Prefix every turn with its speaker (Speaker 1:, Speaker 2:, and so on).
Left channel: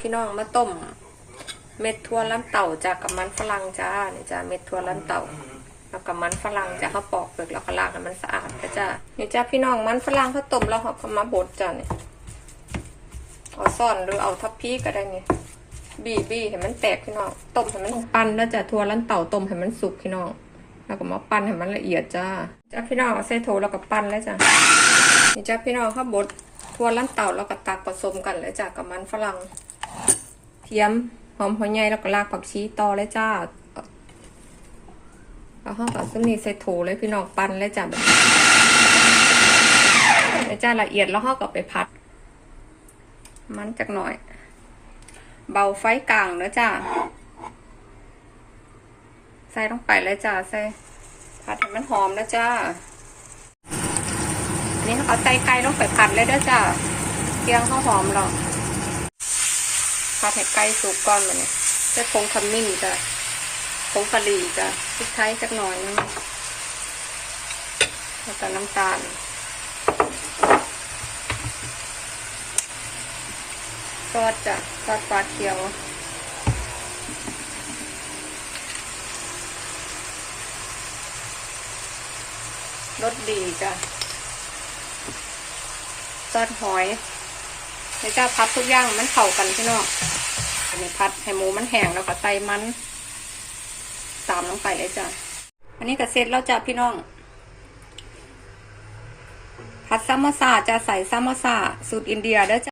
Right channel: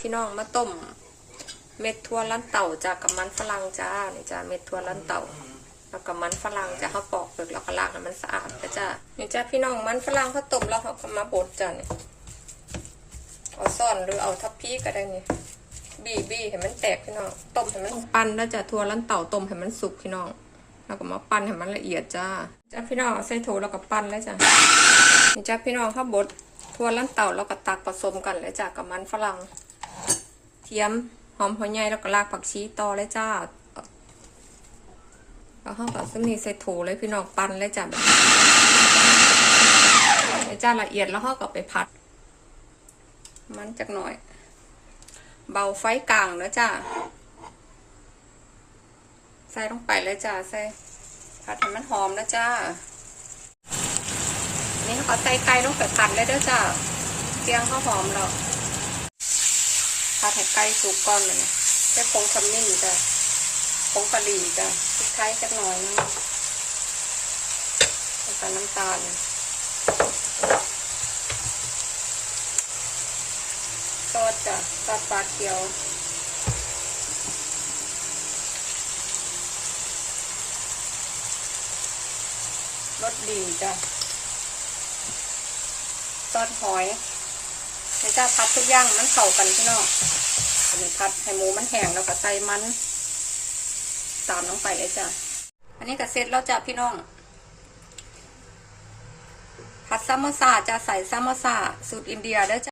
Speaker 1: พี่น้องมาต้ม เม็ดทั่วลันเต่าจากกับมันฝรั่งจ้านี่จ้าเม็ดทั่วลันเต่าแล้วกับมันฝรั่งจะเขาปอกเปลือกแล้วก็ล้างให้มันสะอาดนะจ้านี่จ้าพี่น้องมันฝรั่งเขาต้มแล้วเขาก็มาบดจ้านี่เอาซ่อนหรือเอาทัพพีก็ได้นี่บีบีให้มันแตกพี่น้องต้มให้มันปั้นแล้วจ้าทั่วลันเต่าต้มให้มันสุกพี่น้องแล้วก็มาปั้นให้มันละเอียดจ้าจ้าพี่น้องใส่โถแล้วก็ปั้นแล้วจ้านี่จ้าพี่น้องเขาบดทั่วลันเต่าแล้วก็ตักผสมกันแล้วจ้ากับมันฝรั่ง เทียมหอมหัวใหญ่แล้วก็รากผักชีต่อเลยจ้าแล้วห้องกับซึ่งนี่ใส่โถเลยพี่น้องปั้นเลยจ้าแบบเลยจ้าละเอียดแล้วห้องก็ไปผัด มันจักหน่อย เบาไฟกลางนะจ้าใส่ลงไปเลยจ้าใส่ผัดให้มันหอมนะจ้านนี้เขาใส่ไก่ลงไปผัดเลยเด้อจ้าเกียงเขาหอมหรอก ผัดให้ไก่สุกก่อนมันจะผงขมิ้นจ้ะผงกะหรี่จ้ะพริกไทยสักหน่อยนึงแล้วก็น้ำตาลซอสจ้ะซอสปลาเขียวรสดีจ้ะซอสหอย นี่จ้าพัดทุกอย่างมันเข้ากันพี่น้องอันนี้พัดให้หมูมันแห้งแล้วก็ใส่มัน ตามลงไปเลยจ้ะอันนี้ก็เสร็จแล้วจ้ะพี่น้อง ผัดซัมโมซาจะใส่ซัมโมซาสูตรอินเดียเด้อจ้ะ